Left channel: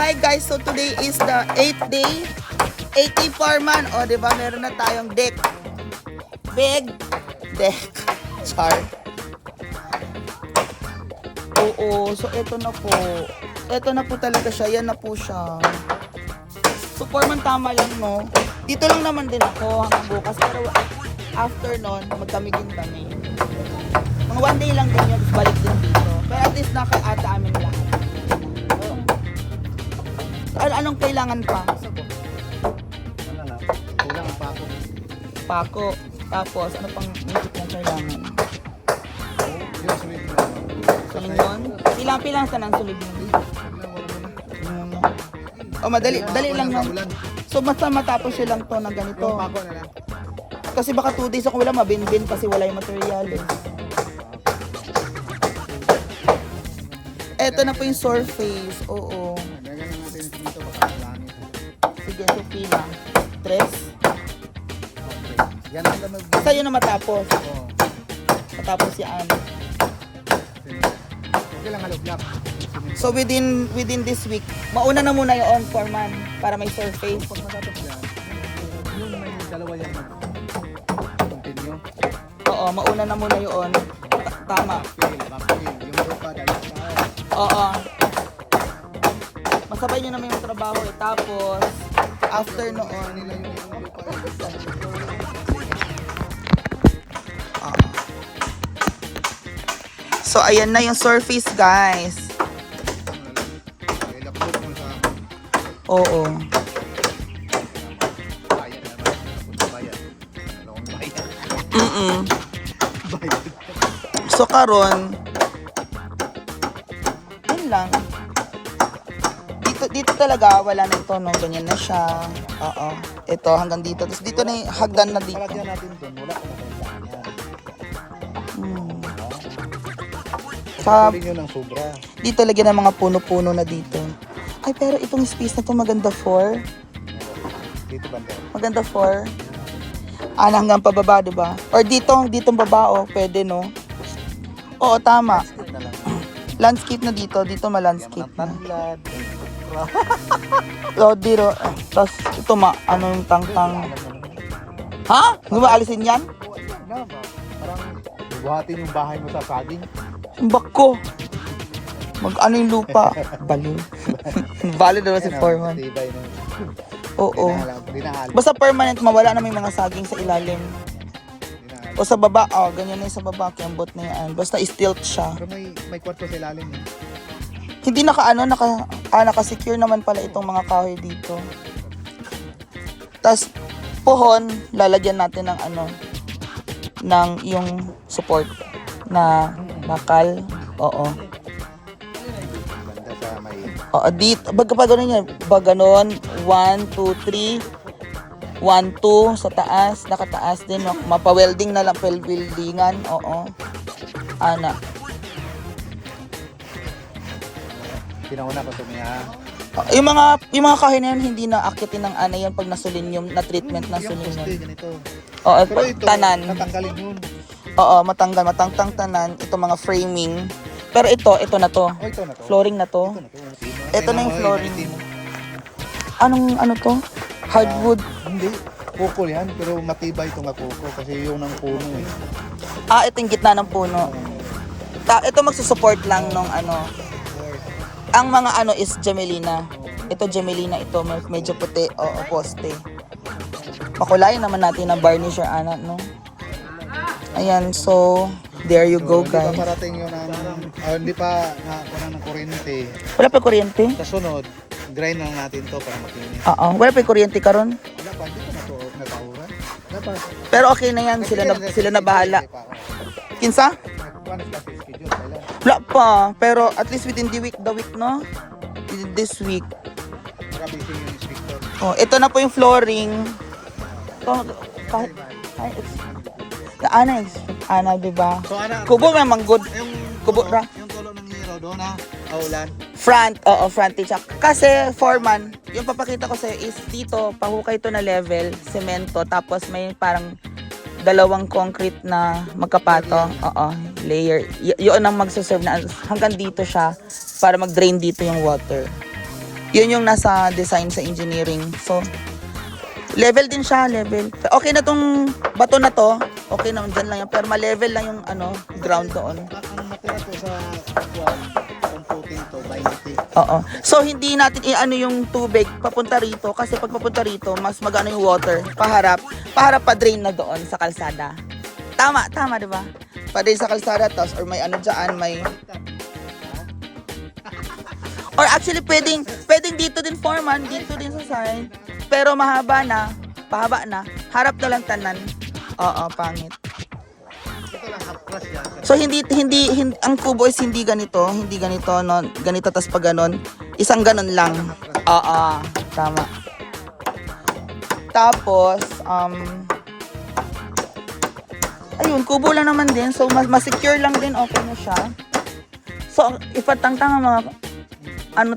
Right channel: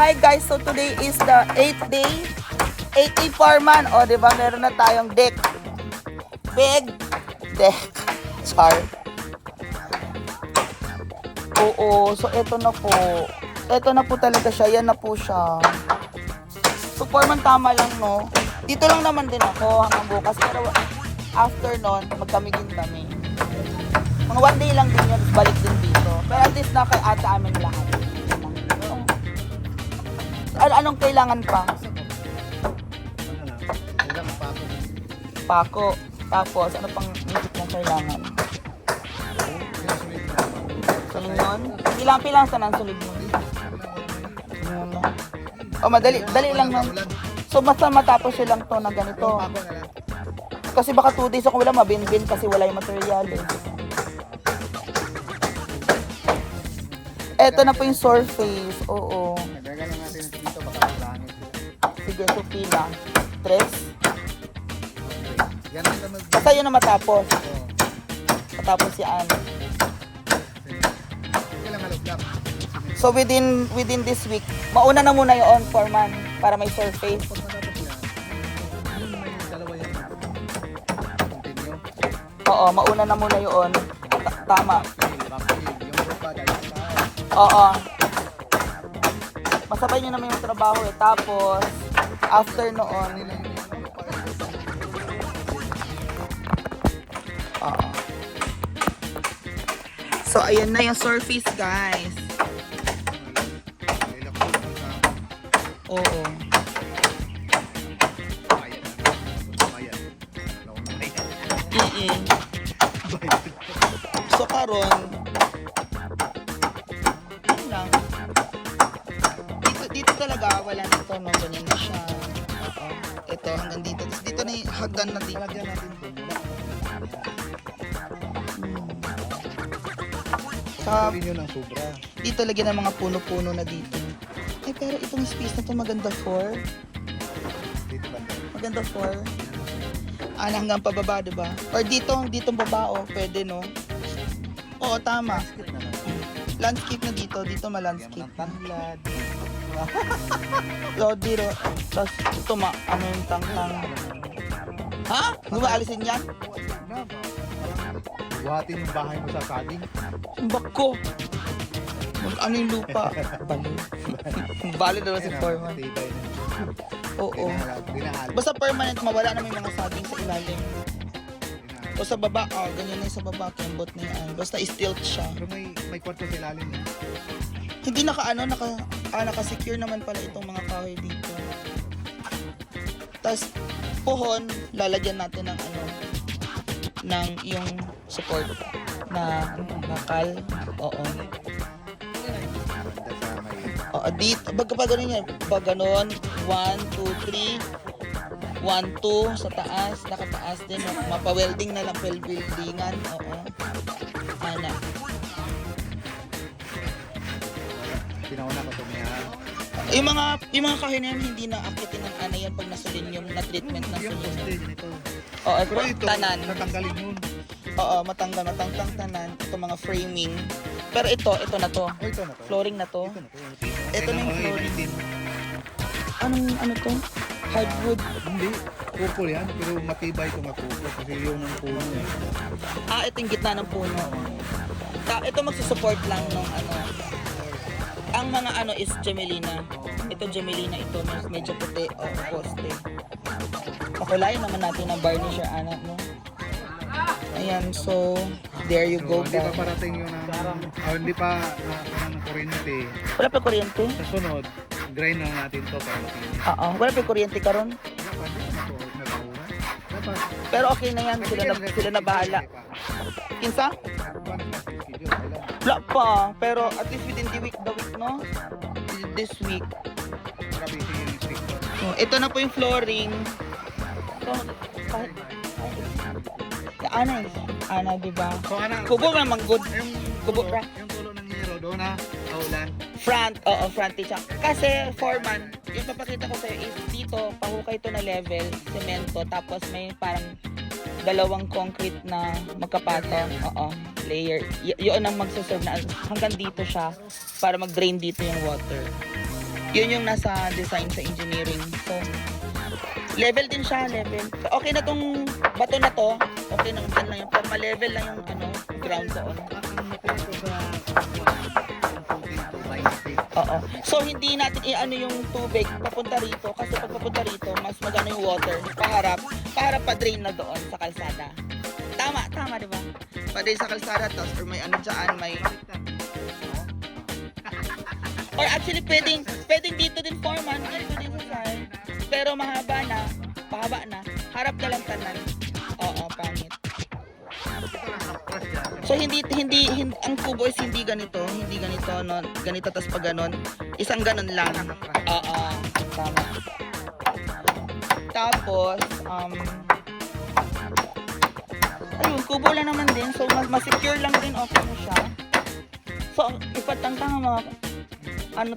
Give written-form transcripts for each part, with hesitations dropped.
Hi guys, so today is the 8th day. 8th day foreman. O, diba, meron na tayong deck. Big deck. Char. Oo, so eto na po. Eto na po talaga siya. Yan na po siya. So foreman, tama lang, no? Dito lang naman din ako hanggang bukas. Pero after nun, magkamigin kami. Mga 1 day lang din yun, balik din dito. Pero at least naka-ata amin lahat. Anong kailangan pa? Kailangan pako. Pako. Tapos, ano pang music na kailangan? Sulig yun? Pilang sa nang sulig yun? O, madali lang na. So, basta matapos silang to na ganito. Kasi baka 2 days ako wala, mabinbin kasi wala yung material eh. Eto na po yung surface. Oo. Sige, so pila. 3. Basta yun na matapos. Matapos yan. So within this week, mauna na muna yung foreman para may surface. Oo, mauna na muna yun. Tama. Oo. Masabay nyo naman yung trabaho eh. Tapos, after noon, oo. So, ayan na yung surface, guys. Oo. So, karon yun lang. Dito talaga, wala na ito, no? Ganyan na siya. Oo. Ito, hanggang dito. Tapos dito na yung hagdan na dito. Dito lagyan ng mga puno-puno na dito. Ay, pero itong space na to maganda for. Maganda for. Hanggang pababa, diba? Or ditong baba, oh. Pwede, no? Oo, tama. Landscape na dito. Dito ma-landscape na. O, dito. Tapos, ito ano yung tang-tang. Ha? Hindi mo alisin yan? Buhatin yung bahay mo sa saging. Bako. Mag-ano yung lupa. Bali. Bali daw si foreman. Oo. Basta permanent, mawala na may mga saging sa ilalim. O sa baba, ganyan na yung sa baba. Kembot na yan. Basta stilt siya. Pero may kwarto sa ilalim. Hindi naka-secure naman pala itong mga kahoy dito. Tapos, pohon, lalagyan natin ng ng yung support na bakal. Oo. Oo, dito. Pag ganun yan. Pag ganun, 1, 2, 3. 1, 2 sa taas. Nakataas din. Mapa-welding na lang. Weldingan. Oo. Ana. Pinauna ko sa Yung mga kahoy na yan, hindi na akitin ng yan pag naselenium na treatment na selenium. Oo, tanan. Matanggalin yun. Oo, matangtang tanan. Ito mga framing. Pero ito na to. Flooring na to. Ito na yung flooring. Ano to? Hardwood. Hindi. Kupol yan. Pero matibay itong kupol. Kasi yun ang puno. Ito yung gitna ng puno. Ito magsusupport lang nung Ang mga is Jamelina. Ito Jamelina. Ito medyo puti. Oo, poste. Pakulayan naman natin ng varnisher, no? Ayan, so there you go, guys. Hindi pa parating yun hindi pa ng kuryente. Wala pa kuryente? Sa sunod, grind lang natin to para makinis. Oo, wala pa kuryente karon. Wala pa, hindi pa natawuran. Pero okay na yan, sila na bahala. Kinsa? Wala pa, pero at least within the week, no? This week. Oh, ito na po yung flooring. Ito, kahit ana, diba? Kubo nga manggod. Kubo ra. Yung tulo ng nero doon na aulan. Front frontage. Kasi foreman, yung papakita ko sa'yo is dito, pahukay to na level, semento, tapos may parang dalawang concrete na magkapato. Layer. Yun ang magsaserve na hanggang dito siya para mag-drain dito yung water. Yun yung nasa design sa engineering. So, level din siya, level. Okay na tong bato na to. Okay na, dyan lang yan. Pero ma-level lang yung ground doon. Ang natira ko sa kuwan, ang coating to, 20. Oo. So, hindi natin i-ano yung tubig papunta rito. Kasi pag papunta rito, mas magano yung water. Paharap pa drain na doon sa kalsada. Tama, di ba? Pa-drain sa kalsada, tapos, or may ano dyan, may... Or actually, pwedeng dito din foreman, dito din sa side. Pero pahaba na. Harap na lang tanan. Oo, pangit. So hindi ang kubo is hindi ganito no, ganito tas pag ganon, isang ganon lang. Oo, tama. Tapos ayun, kubo lang naman din. So mas-secure lang din, okay na siya. So ipatangtang mga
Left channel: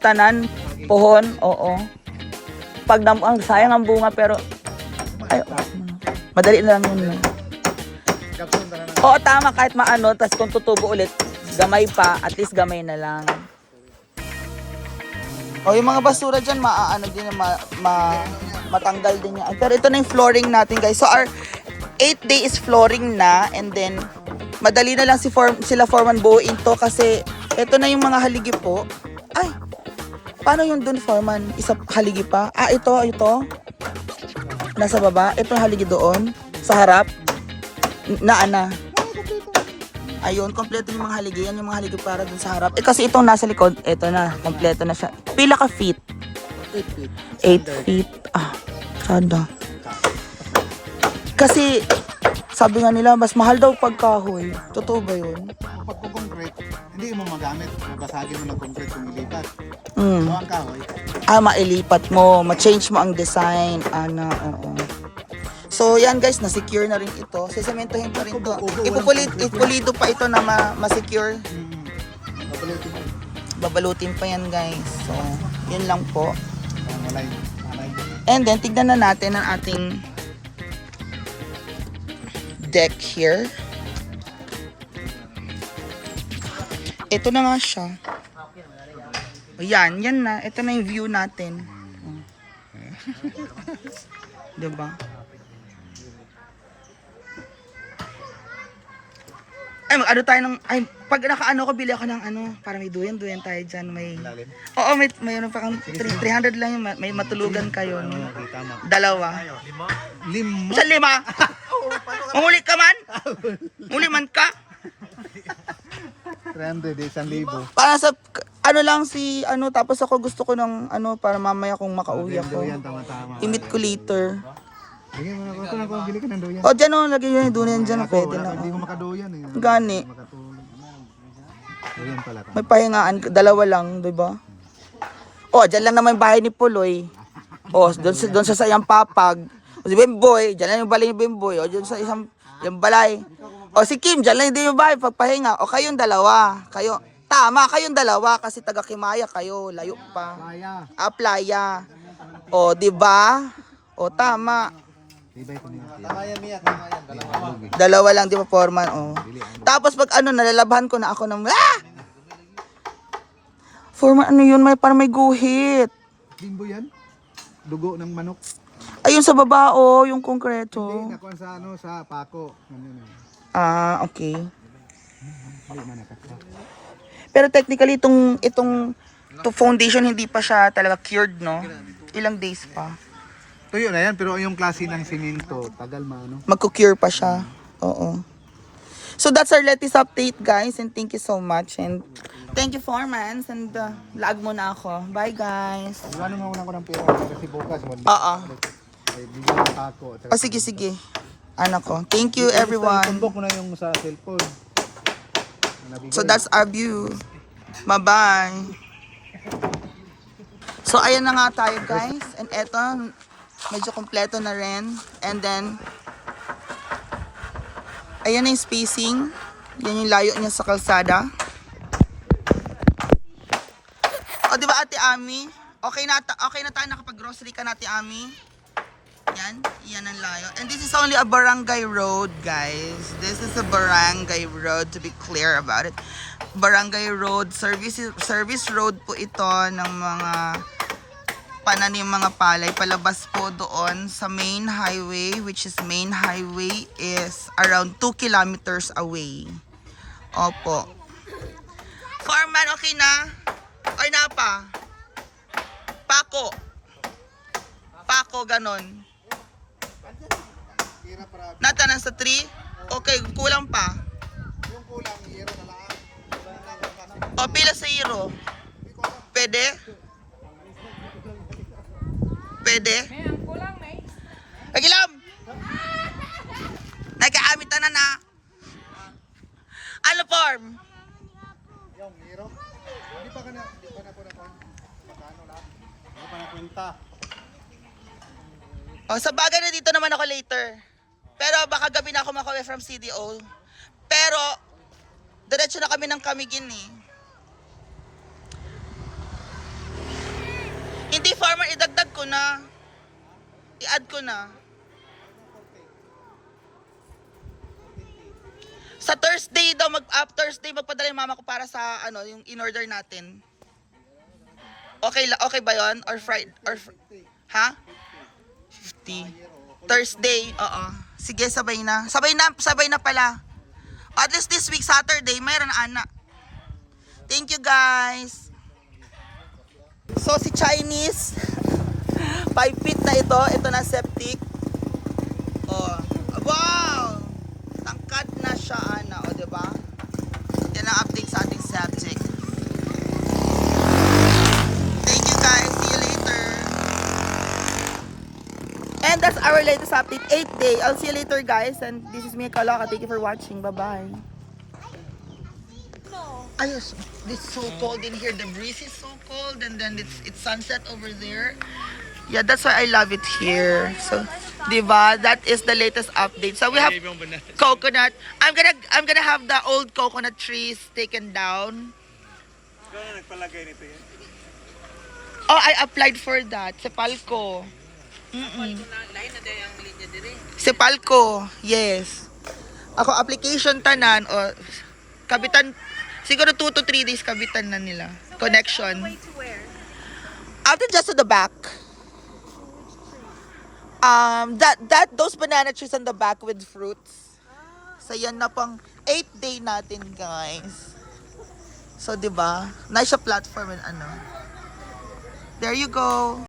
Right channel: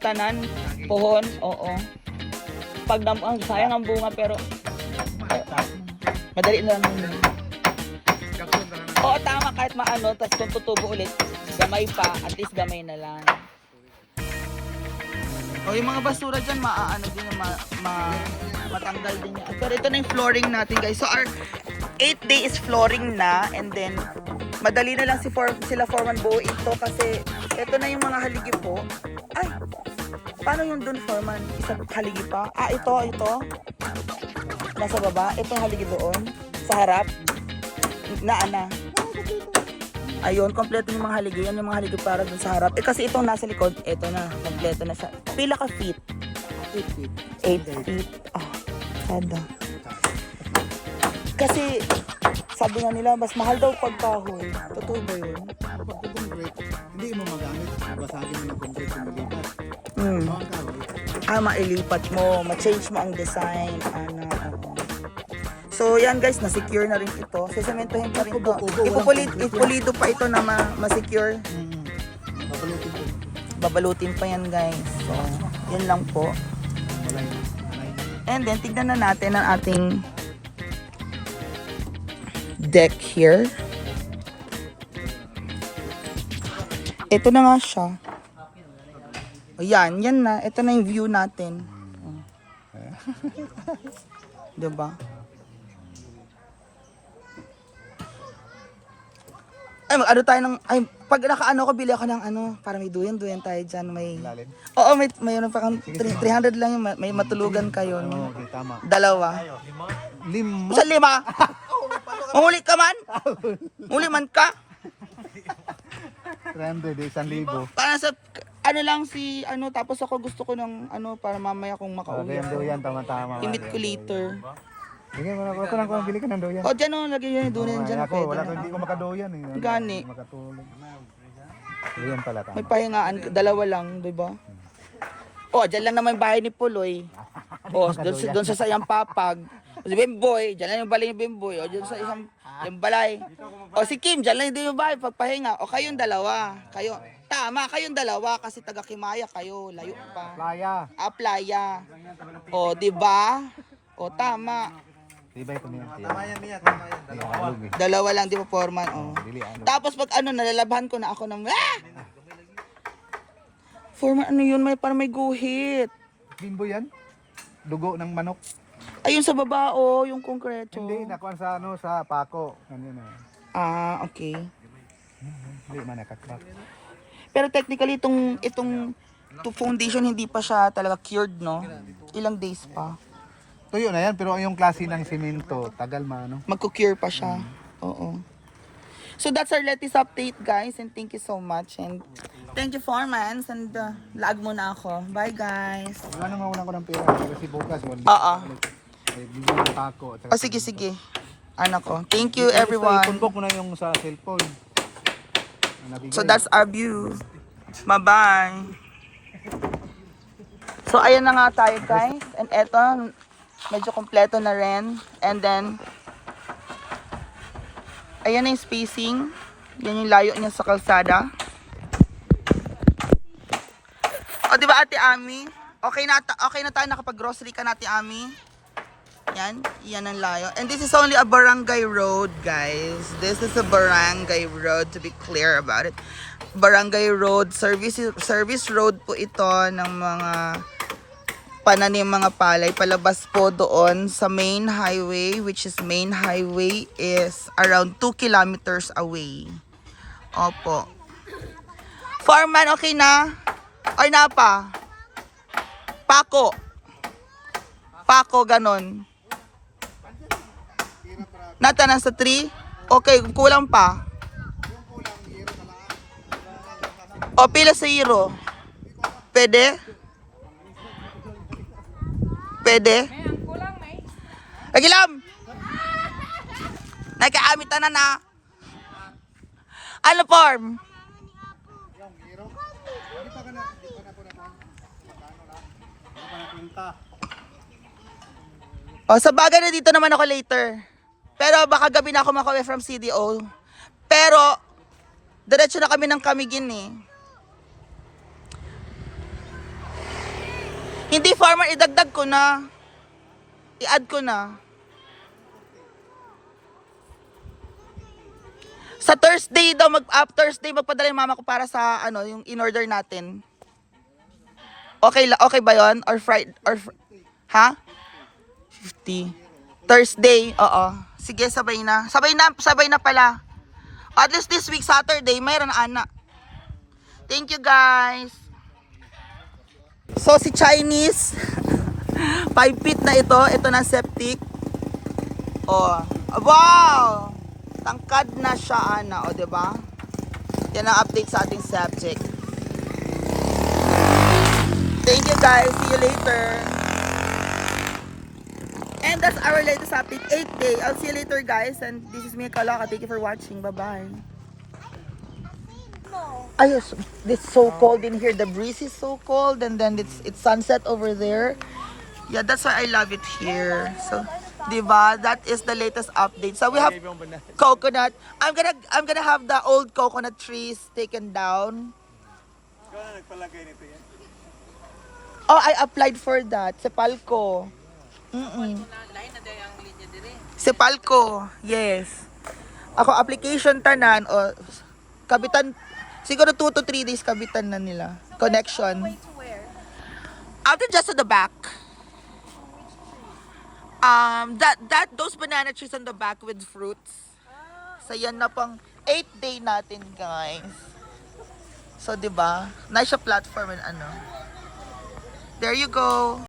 tanan, pohon, oo. Pag ang sayang ang bunga pero madali na lang yun. Oo, tama, kahit maano, tas kung tutubo ulit, gamay pa, at least gamay na lang. O, yung mga basura dyan, matanggal din yan. Pero ito na yung flooring natin, guys. So, our 8th day is flooring na, and then, madali na lang sila foreman buuin to, kasi ito na yung mga haligi po. Ay, paano yung dun, foreman? Isa haligi pa? Ah, ito. Nasa baba. Ito haligi doon, sa harap. Ana. Ayun, kompleto yung mga haligi. Yan yung mga haligi para dun sa harap. Kasi itong nasa likod, ito na. Kompleto na siya. Pila ka feet? 8 feet. 8 feet. Sada. Kasi, sabi nga nila, mas mahal daw pagkahoy. Totoo ba yun? Pag concrete, hindi mo magamit. Basagin mo ng concrete kung malipat. Mm. So, ang kahoy, Mailipat mo. Ma-change mo ang design. Oo. So, yan guys, na-secure na rin ito. Sesementohin pa rin ito. Ipupulido pa ito na ma-secure. babalutin ko. Babalutin pa yan guys. So, yan lang po. Malay. And then, tignan na natin ang ating deck here. Ito na nga siya. O yan na. Ito na yung view natin. O. Diba? Ay, tayo ng, pag nakaano ko, bili ako ng para may duyan tayo dyan. Lalim. Oo, mayroon pa kang 300 lang yung, may matulugan kayo. No? Dalawa. 5. Sa 5? Mahuli ka man? Mahuli man ka? 300, 1,000. Para sa, lang si, tapos ako gusto ko ng, para mamaya kung makauwi Yung ako. doyan, tama-tama. Imit ko later. Bigyan mo na ako lang kung bili ka ng doyan. O, dyan lagay yun yung duyan dyan. Ako, Pwede wala na. ko, hindi ko makadoyan. Gani. Makatulog. Doyan pala tama. May pahingaan, dalawa lang, di ba? O, dyan lang naman yung bahay ni Puloy. O, doon sa sayang papag. O, si Bimboy, dyan lang yung balay ni Bimboy. O, dyan sa isang, yung balay. O, si Kim, dyan lang din yung bahay, pagpahinga. O, kayong dalawa. Tama, kayong dalawa, kasi taga-Kimaya kayo, layo pa. Playa. Playa. O, di ba? O, tama. Ibay ko niya. Tama yan, Mia. Tama yan. Dalawa lang, di ba, Foreman? O. Tapos pag nalalabhan ko na ako ng, Foreman, yun? Parang may guhit. Bimbo yan? Dugo ng manok. Ayun sa baba, yung konkreto. Hindi, nakuha sa sa pako. Ano na. Okay. Hindi man nakatap. Pero technically, itong foundation, hindi pa siya talaga cured, no? Ilang days pa. Tuyo na yan, pero yung klase ng simento, tagal maano. Magko-cure pa siya. Oo. So that's our latest update, guys. And thank you so much. And thank you, Formans. And lag muna ako. Bye, guys. Wala naman unang ko ng pera kasi bukas. Oo. Bigyan ng pako. O, sige. Anak ko. Thank you, everyone. Tumbok mo na yung sa cellphone. So that's our view. Bye-bye. So ayan na nga tayo, guys. And eto, medyo kompleto na rin. And then, ayan na yung spacing. Yan yung layo niya sa kalsada. O, di ba, Ate Ami? Okay na tayo nakapag-grocery ka na, Ate Ami? Yan ang layo. And this is only a barangay road, guys. This is a barangay road, to be clear about it. Barangay road, service road po ito ng mga pananim mga palay. Palabas po doon sa main highway, which is main highway is around 2 kilometers away. Opo. Foreman, okay na? Or na pa? Pako. Pako, ganon. Nata na sa 3? Okay, kulang pa. Yung kulang, hero na lang. O, pila sa hero? Pwede? Pwede? May ang kulang, may. Pagilam! Nagkaamit na na. Ano form? Yung hero. Hindi pa na po na po. Magkano lang? Hindi pa na kwenta. O, sa bagay na dito naman ako later. Pero baka gabi na ako makauwi from CDO. Pero, diretso na kami ng Camiguin eh. Hindi farmer, idagdag ko na. I-add ko na. Sa Thursday daw, Thursday magpadala yung mama ko para sa ano, yung in-order natin. Okay ba yon? Or Friday? Ha? 50. Thursday, oo. Sige, sabay na. Sabay na pala. At least this week, Saturday, mayroon ana. Thank you, guys. So, si Chinese, 5 feet na ito. Ito na septic. Oh, wow! Tangkad na siya, ana. O, diba? Yan ang update sa ating subject. Thank you, guys. See you later. And that's our latest update, 8th day. I'll see you later, guys. And this is Mia Kalaka. Thank you for watching. Bye-bye. Ayos, it's so cold in here. The breeze is so cold, and then it's sunset over there. Yeah, that's why I love it here. So, diba? That is the latest update. So we have coconut. I'm gonna have the old coconut trees taken down. Oh, I applied for that. Sepalco. Sepalco, yes. Ako application tanan o kabitan. Siguro 2 to 3 days kabitan na nila. Connection. After just to the back. Those banana trees on the back with fruits. So yan na pang 8th day natin, guys. So 'di ba? Nice sa platform and ano. There you go.